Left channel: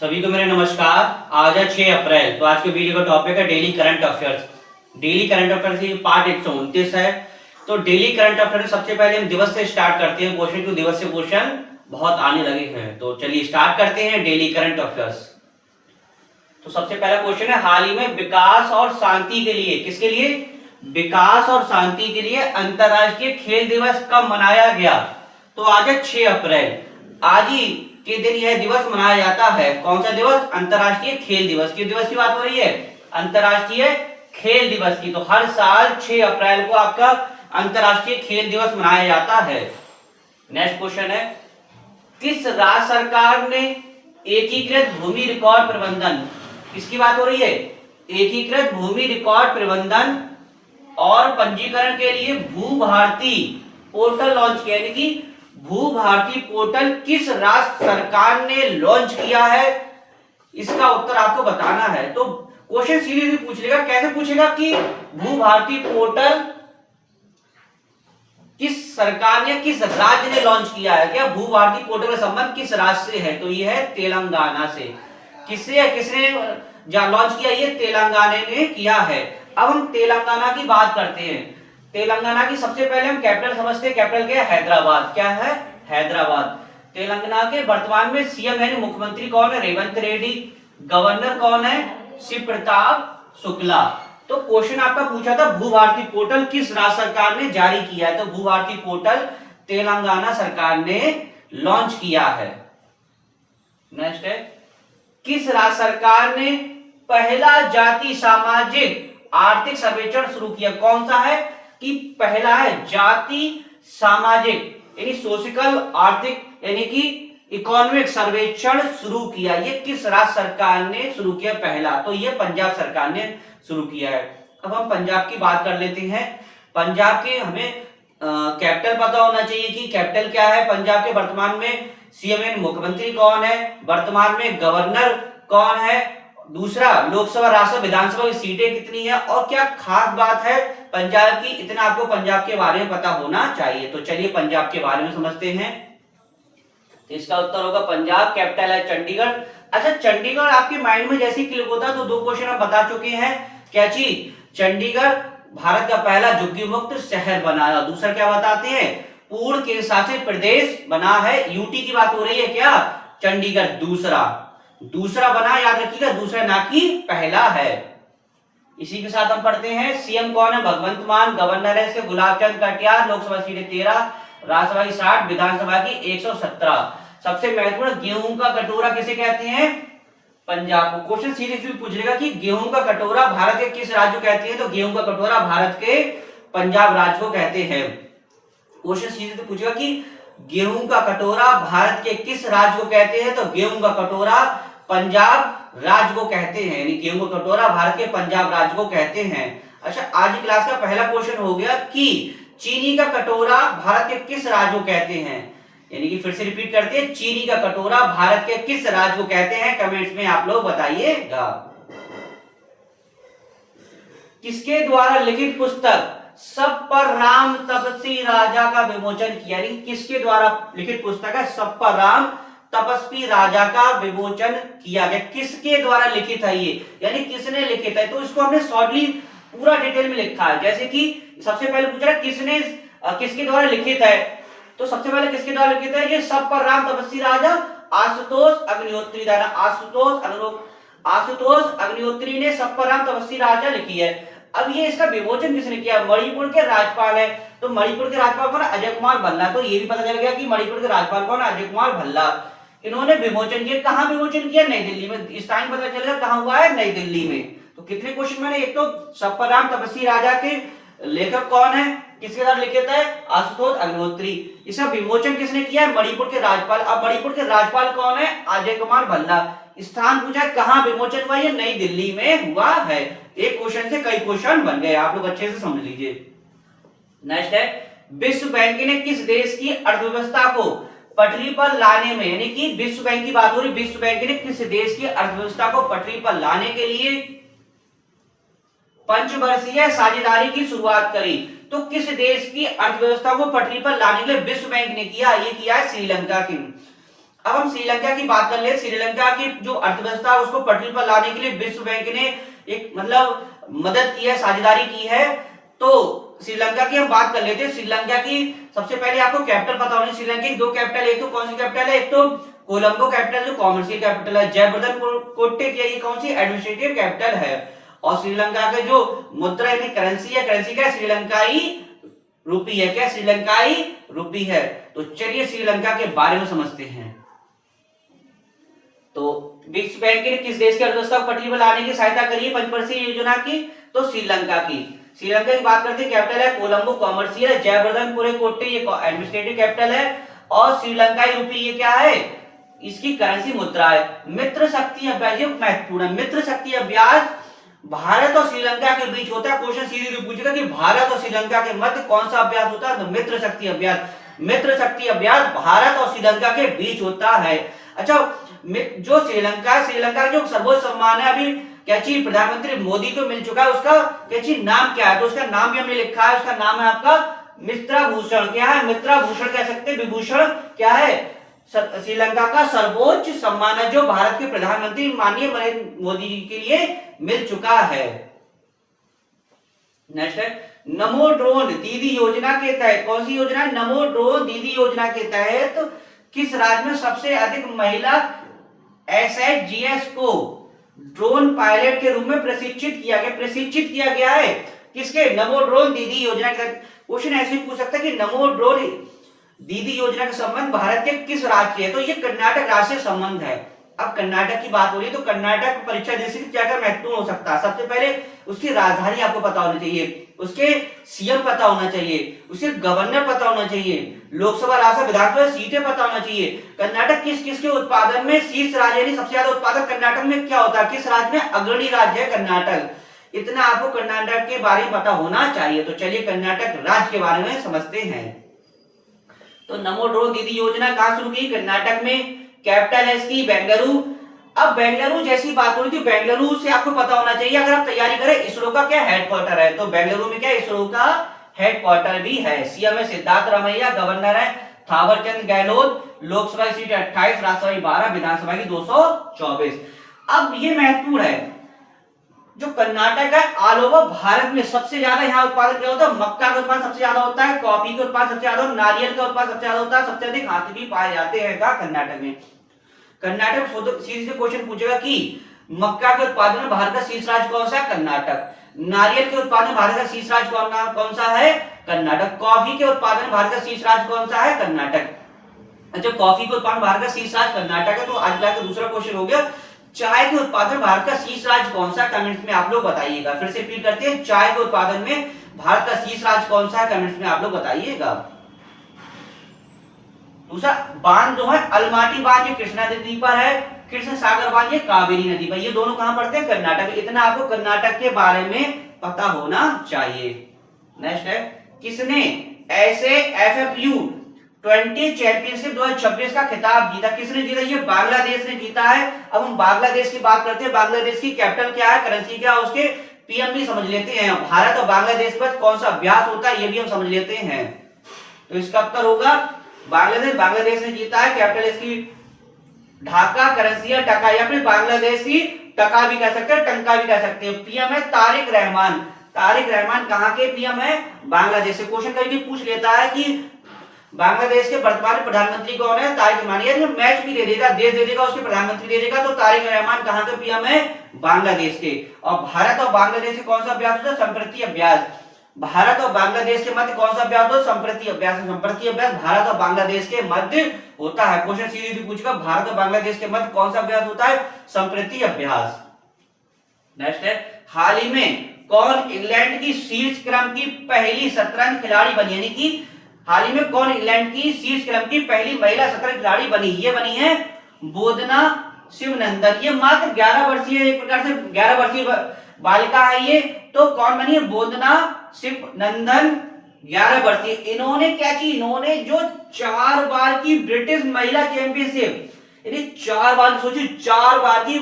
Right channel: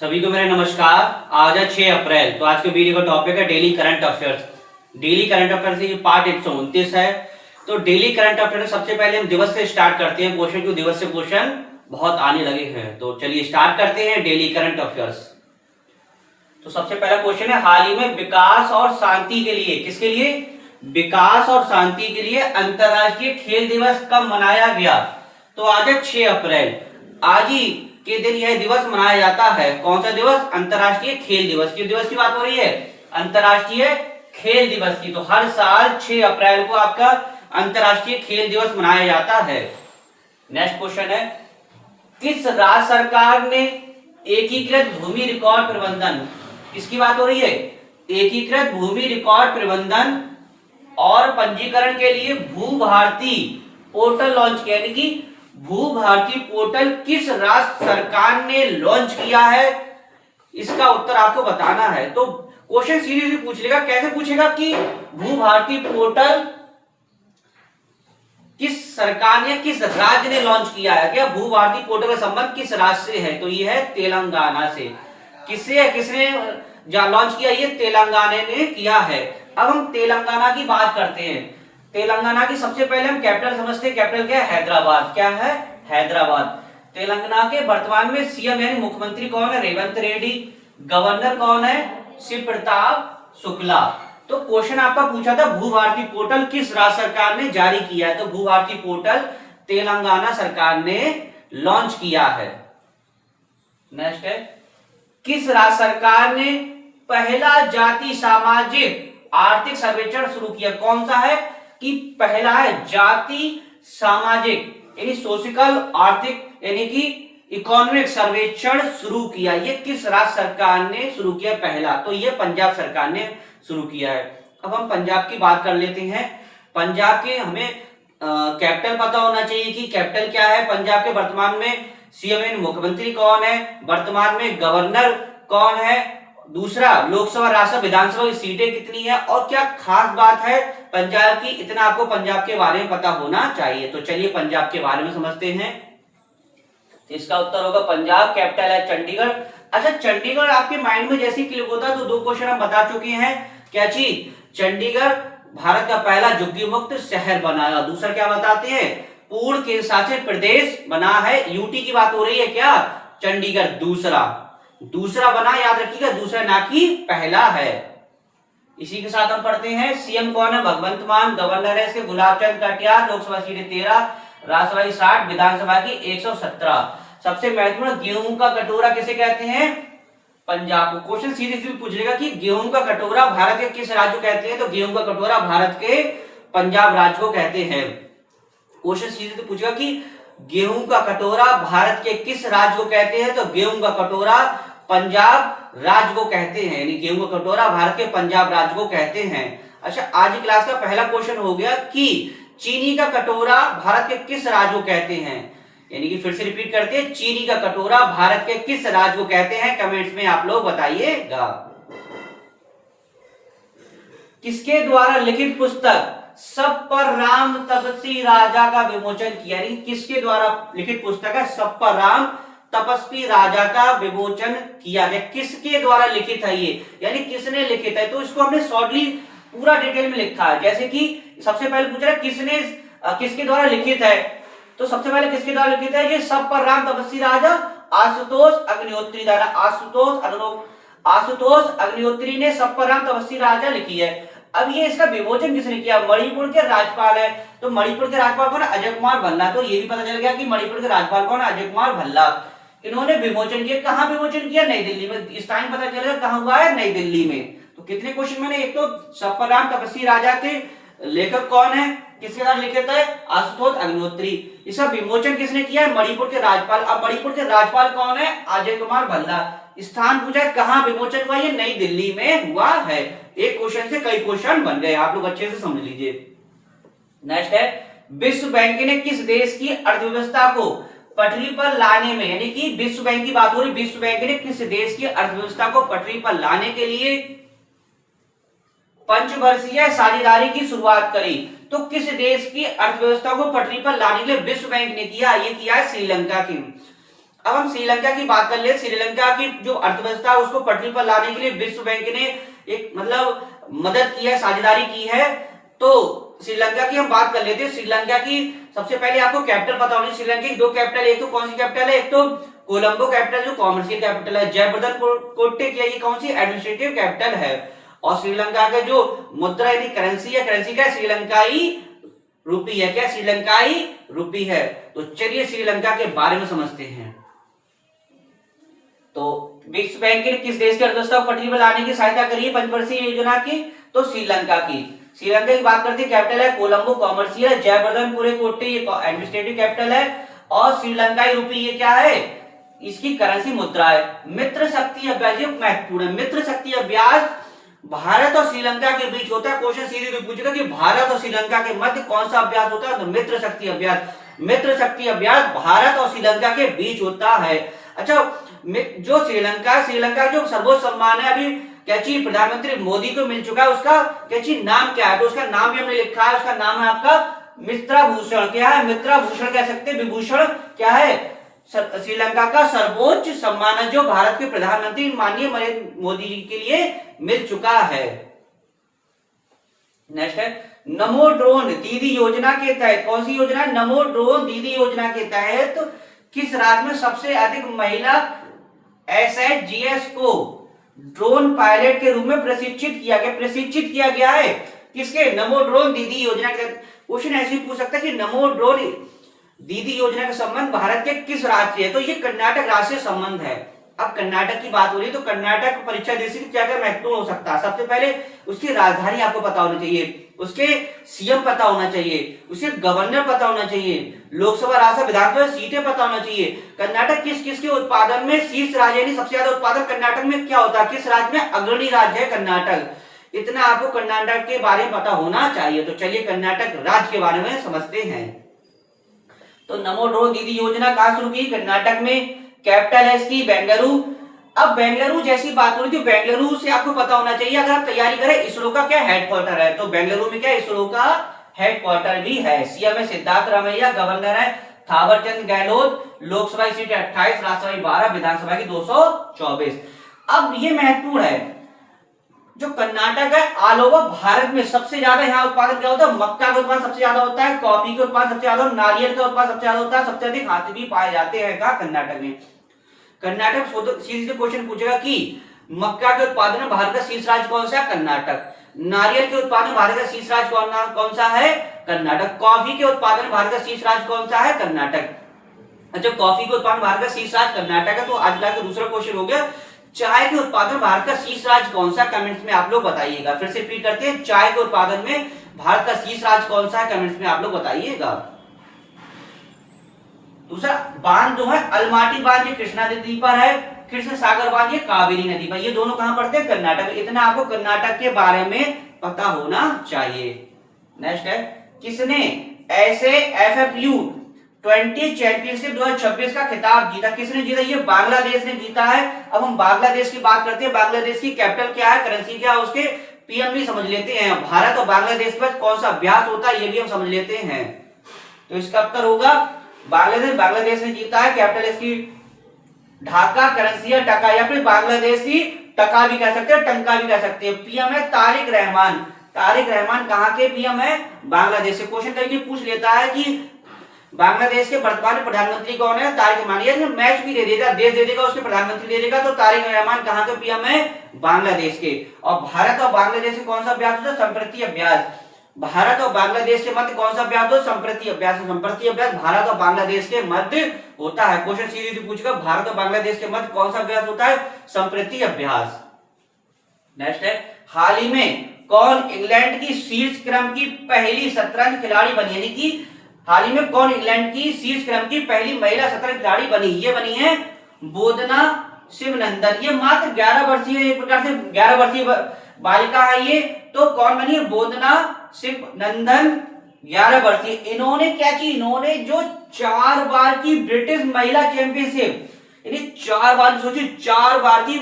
सभी को मेरा नमस्कार। आज है 6 अप्रैल। तो आज के वीडियो का टॉपिक है daily current affairs. Daily current affairs ये पार्ट 129 है। तो डेली करंट अफेयर्स सबसे पहले हम दिवस से स्टार्ट करते हैं। क्वेश्चन क्यों दिवस से क्वेश्चन बहुत आने लगे हैं। तो चलिए स्टार्ट करते हैं डेली करंट अफेयर्स। तो सबसे पहला क्वेश्चन है, हाल ही में विकास और शांति के लिए, किसके लिए? विकास और शांति के लिए अंतरराष्ट्रीय खेल दिवस कब मनाया गया? तो आज है 6 अप्रैल। आज ही के दिन यह दिवस मनाया जाता है। कौन सा दिवस? अंतरराष्ट्रीय खेल दिवस। किस दिवस की बात हो रही है? अंतरराष्ट्रीय खेल दिवस की। तो हर साल 6 अप्रैल को आपका अंतरराष्ट्रीय खेल दिवस मनाया जाता है। नेक्स्ट क्वेश्चन है, किस राज्य सरकार ने एकीकृत भूमि रिकॉर्ड प्रबंधन, किसकी बात हो रही है? एकीकृत भूमि रिकॉर्ड प्रबंधन और पंजीकरण के लिए भू भारती पोर्टल लॉन्च किया। यानी कि भू भारती पोर्टल किस राज्य सरकार ने लॉन्च किया है, इसका उत्तर आपको बताना है। तो क्वेश्चन सीरीज भी पूछ लेगा। कैसे पूछेगा कि भू भारती पोर्टल किस सरकार ने, किस राज्य ने लॉन्च किया है। क्या भू भारती पोर्टल का संबंध किस राज्य से है? तो ये है तेलंगाना से। किससे है, किसने लॉन्च किया? ये तेलंगाना ने किया है। अब हम तेलंगाना की बात करते हैं। तेलंगाना की सबसे पहले हम कैपिटल समझते हैं। कैपिटल क्या है? हैदराबाद। क्या है? हैदराबाद। तेलंगाना के वर्तमान में सीएम यानी मुख्यमंत्री कौन है? रेवंत रेड्डी। गवर्नर कौन है? शिव प्रताप शुक्ला। तो क्वेश्चन आपका पूछा था भू भारती पोर्टल किस राज्य सरकार ने जारी किया है। तो भू भारती पोर्टल तेलंगाना सरकार ने लॉन्च किया है। नेक्स्ट है, किस राज्य सरकार ने पहला जाति सामाजिक आर्थिक सर्वेक्षण शुरू किया? कौन सा है कि पहला है जाति सामाजिक यानी सोशियल आर्थिक यानी कि इकोनॉमिक सर्वेक्षण शुरू किया। ये किस राज्य सरकार ने शुरू किया पहला? तो ये पंजाब सरकार ने शुरू किया है। अब हम पंजाब की बात कर लेते हैं। पंजाब के हमें कैपिटल पता होना चाहिए कि कैपिटल क्या है। पंजाब के वर्तमान में सीएम यानी मुख्यमंत्री कौन है? वर्तमान में गवर्नर कौन है? दूसरा, लोकसभा राज्यसभा विधानसभा की सीटें कितनी है? और क्या खास बात है पंजाब की, इतना आपको पंजाब के बारे में पता होना चाहिए। तो चलिए पंजाब के बारे में समझते हैं। इसका उत्तर होगा पंजाब। कैपिटल है चंडीगढ़। अच्छा, चंडीगढ़ आपके माइंड में जैसे क्लिक होता है तो दो क्वेश्चन हम बता चुके हैं। क्या चीज? चंडीगढ़ भारत का पहला झुग्गी मुक्त शहर बनाया। दूसरा क्या बताते हैं? पूर्ण केंद्र शासित प्रदेश बना है। यूटी की बात हो रही है क्या? चंडीगढ़ दूसरा बना, याद रखिएगा, दूसरा ना कि पहला है। इसी के साथ हम पढ़ते हैं सीएम कौन है? भगवंत मान। गवर्नर है इसके गुलाब चंद कटियार। लोकसभा सीटें 13, राज्यसभा की 60, विधानसभा की 117। सबसे महत्वपूर्ण, गेहूं का कटोरा किसे कहते हैं? पंजाब को। क्वेश्चन सीरीज भी पूछ लेगा कि गेहूं का कटोरा भारत के किस राज्य को कहते हैं? तो गेहूं का कटोरा भारत के पंजाब राज्य को कहते हैं। क्वेश्चन सीरीज पूछेगा कि गेहूं का कटोरा भारत के किस राज्य को कहते हैं? तो गेहूं का कटोरा पंजाब राज्य को कहते हैं। यानी गेहूं का कटोरा भारत के पंजाब राज्य को कहते हैं। अच्छा, आज की क्लास का पहला क्वेश्चन हो गया कि चीनी का कटोरा भारत के किस राज्य को कहते हैं। यानी कि फिर से रिपीट करते हैं, चीनी का कटोरा भारत के किस राज्य को कहते हैं? कमेंट्स में आप लोग बताइएगा। किसके द्वारा लिखित पुस्तक सब पर राम तपस्वी राजा का विमोचन किया? यानी किसके द्वारा लिखित पुस्तक है सब पर राम तपस्वी राजा का विमोचन किया गया? किसके द्वारा लिखित है ये, यानी किसने लिखित है? तो इसको हमने शॉर्टली पूरा डिटेल में लिखा है। जैसे कि सबसे पहले पूछ रहा है किसने, किसके द्वारा लिखित है। तो सबसे पहले किसके द्वारा लिखित है? ये सब पर राम तपस्वी राजा आशुतोष अग्निहोत्री द्वारा। आशुतोष अग्निहोत्री ने सब पर राम तपस्वी राजा लिखी है। अब ये इसका विमोचन किसने किया? मणिपुर के राज्यपाल है। तो मणिपुर के राज्यपाल कौन है? अजय कुमार भल्ला। तो ये भी पता चल गया कि मणिपुर के राज्यपाल कौन है? अजय कुमार भल्ला। इन्होंने विमोचन किया। कहां विमोचन किया? नई दिल्ली में। इस टाइम पता चलेगा कहां हुआ है? नई दिल्ली में। तो कितने क्वेश्चन मैंने, एक तो सब पर राम तपस्वी राजा के लेखक कौन है, किसके द्वारा लिखित है? आशुतोष अग्निहोत्री। इसका विमोचन किसने किया है? मणिपुर के राज्यपाल। अब मणिपुर के राज्यपाल कौन है? अजय कुमार भल्ला। स्थान पूछा है कहां विमोचन हुआ? ये नई दिल्ली में हुआ है। एक क्वेश्चन से कई क्वेश्चन बन गए, आप लोग अच्छे से समझ लीजिए। नेक्स्ट है, विश्व बैंक ने किस देश की अर्थव्यवस्था को पटरी पर लाने में, यानी कि विश्व बैंक की बात हो रही, विश्व बैंक ने किस देश की अर्थव्यवस्था को पटरी पर लाने के लिए पंचवर्षीय साझेदारी की शुरुआत करी? तो किस देश की अर्थव्यवस्था को पटरी पर लाने के लिए विश्व बैंक ने किया? ये किया है श्रीलंका की। अब हम श्रीलंका की बात कर ले। श्रीलंका की जो अर्थव्यवस्था है उसको पटरी पर लाने के लिए विश्व बैंक ने एक मतलब मदद की है, साझेदारी की है। तो श्रीलंका की हम बात कर लेते हैं। श्रीलंका की सबसे पहले आपको कैपिटल पता होनी। श्रीलंका की दो कैपिटल, एक तो कौन सी कैपिटल है, एक तो कोलंबो कैपिटल जो कॉमर्शियल कैपिटल है, जयवर्धन कोट्टे की ये कौन सी एडमिनिस्ट्रेटिव कैपिटल है। और श्रीलंका का जो मुद्रा यानी करेंसी है, करेंसी क्या श्रीलंकाई रुपी है, क्या श्रीलंकाई रुपी है। तो चलिए श्रीलंका के बारे में समझते हैं। तो विश्व बैंक ने किस देश की अर्थव्यवस्था को पटरी पर लाने की सहायता करी है पंचवर्षीय योजना की, तो श्रीलंका की। श्रीलंका की बात करते हैं, कैपिटल है कोलंबो कॉमर्शियल है, जयवर्धन कोट्टे ये एडमिनिस्ट्रेटिव कैपिटल है, और श्रीलंकाई रुपी ये क्या है, इसकी करेंसी मुद्रा है। मित्र शक्ति अभ्यास, ये महत्वपूर्ण है। मित्र शक्ति अभ्यास भारत और श्रीलंका के बीच होता है। क्वेश्चन सीधे पूछेगा कि भारत और श्रीलंका के मध्य कौन सा अभ्यास होता है, तो मित्र शक्ति अभ्यास। मित्र शक्ति अभ्यास भारत और श्रीलंका के बीच होता है। अच्छा, जो श्रीलंका जो सर्वोच्च सम्मान है अभी क्या चीज प्रधानमंत्री मोदी को मिल चुका है, उसका क्या चीज नाम क्या है, तो उसका नाम भी हमने लिखा है। उसका नाम है आपका मित्राभूषण। क्या है, मित्राभूषण कह सकते हैं। विभूषण क्या है, श्रीलंका का सर्वोच्च सम्मान है जो भारत के प्रधानमंत्री माननीय नरेंद्र मोदी जी के लिए मिल चुका है। नेक्स्ट है नमो ड्रोन दीदी योजना के तहत, कौन सी योजना है, नमो ड्रोन दीदी योजना के तहत किस राज्य में सबसे अधिक महिला एसएचजीएस को ड्रोन पायलट के रूप में प्रशिक्षित किया गया है। किसके, नमो ड्रोन दीदी योजना के। क्वेश्चन ऐसे ही पूछ सकता है कि नमो ड्रोन दीदी योजना का संबंध भारत के किस राज्य से है, तो ये कर्नाटक राज्य से संबंध है। अब कर्नाटक की बात हो रही है तो कर्नाटक परीक्षा जैसी क्या क्या महत्वपूर्ण हो सकता है। सबसे पहले उसकी राजधानी आपको पता होनी चाहिए, उसके सीएम पता होना चाहिए, उसके गवर्नर पता होना चाहिए, लोकसभा राज्यसभा विधानसभा सीटें पता होना चाहिए। कर्नाटक किस किस के उत्पादन में शीर्ष राज्य यानी सबसे ज्यादा उत्पादन कर्नाटक में क्या होता है, किस राज्य में अग्रणी राज्य है कर्नाटक। इतना आपको कर्नाटक के बारे में पता होना चाहिए। तो चलिए कर्नाटक राज्य के बारे में समझते हैं। तो नमो ड्रोन दीदी योजना कहां शुरू की, कर्नाटक में। कैपिटल है इसकी बेंगलुरु। अब बेंगलुरु जैसी बात हो रही थी, बेंगलुरु से आपको पता होना चाहिए अगर आप तैयारी करें, इसरो का क्या हेडक्वार्टर है, तो बेंगलुरु में क्या इसरो का हेडक्वार्टर भी है। सीएम है सिद्धार्थ रमैया, गवर्नर है थावरचंद गहलोत, लोकसभा की सीट 28, राज्यसभा की 12, विधानसभा की 224। अब ये महत्वपूर्ण है, जो कर्नाटक है ऑल ओवर भारत में सबसे ज्यादा यहाँ उत्पादन क्या होता है, मक्का का उत्पादन सबसे ज्यादा होता है, कॉफी के उत्पादन सबसे ज्यादा, नारियल का उत्पादन सबसे ज्यादा होता है, सबसे अधिक हाथी भी पाए जाते हैं कहा कर्नाटक में। कर्नाटक सीधे क्वेश्चन पूछेगा कि मक्का के उत्पादन में भारत का शीर्ष राज्य कौन सा है, कर्नाटक। नारियल के उत्पादन में भारत का शीर्ष राज्य कौन सा है, कर्नाटक। कॉफी के उत्पादन में भारत का शीर्ष राज्य कौन सा है, कर्नाटक। अच्छा, कॉफी के उत्पादन भारत का शीर्ष राज्य कर्नाटक है। तो आज का दूसरा क्वेश्चन हो गया, चाय के उत्पादन भारत का शीर्ष राज्य कौन सा, कमेंट्स में आप लोग बताइएगा। फिर से रिपीट करते हैं, चाय के उत्पादन में भारत का शीर्ष राज्य कौन सा है, कमेंट्स में आप लोग बताइएगा। दूसरा बांध जो है अलमाटी बांध, ये कृष्णा नदी पर है, कृष्ण सागर बांध ये कावेरी नदी पर, ये दोनों कहां पड़ते हैं, कर्नाटक। इतना आपको कर्नाटक के बारे में पता होना चाहिए। नेक्स्ट है, किसने ऐसे एफएफयू 20 चैंपियनशिप 2026 का खिताब जीता, किसने जीता, ये बांग्लादेश ने जीता है। अब हम बांग्लादेश की बात करते हैं, बांग्लादेश की कैपिटल क्या है, करेंसी क्या है, उसके पीएम भी समझ लेते हैं। भारत और बांग्लादेश पर कौन सा अभ्यास होता है ये भी हम समझ लेते हैं। तो इसका उत्तर होगा बांग्लादेश ने जीता है। कैपिटल इसकी ढाका, करेंसी है टका, या फिर बांग्लादेशी टका भी कह सकते हैं, टंका भी कह सकते हैं। पीएम है तारिक रहमान। तारिक रहमान कहां के पीएम है, बांग्लादेश से। क्वेश्चन कभी पूछ लेता है कि बांग्लादेश के वर्तमान प्रधानमंत्री कौन है, तारिक रहमान। ये मैच भी दे देगा, देश दे देगा, उसके प्रधानमंत्री दे देगा, तो तारिक रहमान कहां के पीएम है, बांग्लादेश के। और भारत और बांग्लादेश के कौन सा अभ्यास होता है, संप्रति अभ्यास। भारत और बांग्लादेश के मध्य कौन सा अभ्यास होता है, संप्रति अभ्यास। संप्रति अभ्यास भारत और बांग्लादेश के मध्य होता है। क्वेश्चन सीधे पूछेगा, भारत और बांग्लादेश के मध्य कौन सा अभ्यास होता है, संप्रति अभ्यास। नेक्स्ट है, हाल ही में कौन इंग्लैंड की शीर्ष क्रम की पहली शतरंज खिलाड़ी बनी, यानी कि हाल ही में कौन इंग्लैंड की शीर्ष क्रम की पहली महिला शतरंज खिलाड़ी बनी, ये बनी है बोधना शिवनंदन। ये मात्र 11 वर्षीय, एक प्रकार से 11 वर्षीय बालिका है ये। तो कौन बनी है, बोधना शिवनंदन, 11 वर्षीय। इन्होंने क्या की, इन्होंने जो 4 बार की ब्रिटिश महिला चैंपियनशिप, यानी 4 बार, सोचिए 4 बार की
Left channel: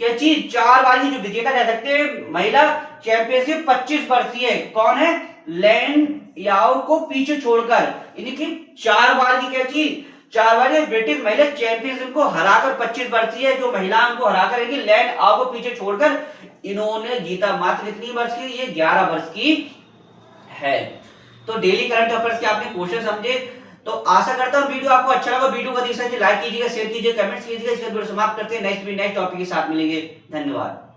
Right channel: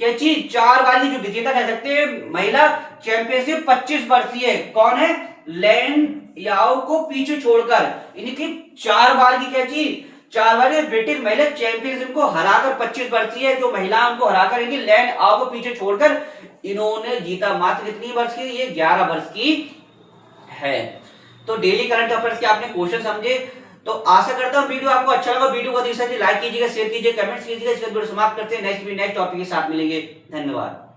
क्या चीज, 4 बार की जो विजेता कह सकते हैं महिला चैंपियनशिप, 25 वर्षीय कौन है, लैंड याओ को पीछे छोड़कर, यानी कि 4 बार की क्या चीज, 4 बार ये ब्रिटिश महिला चैंपियनशिप को हराकर 25 वर्षीय जो महिला उनको हराकर यानी लैन आओ को पीछे छोड़कर इन्होंने जीता। मात्र कितनी वर्ष की? ये 11 वर्ष की है। तो डेली करंट अफेयर्स के आपने क्वेश्चन समझे। तो आशा करता हूं वीडियो आपको अच्छा लगा। वीडियो को अधिक से अधिक लाइक कीजिएगा, शेयर कीजिए, कमेंट्स कीजिएगा। इसके वीडियो समाप्त करते हैं। नेक्स्ट टॉपिक के साथ मिलेंगे। धन्यवाद।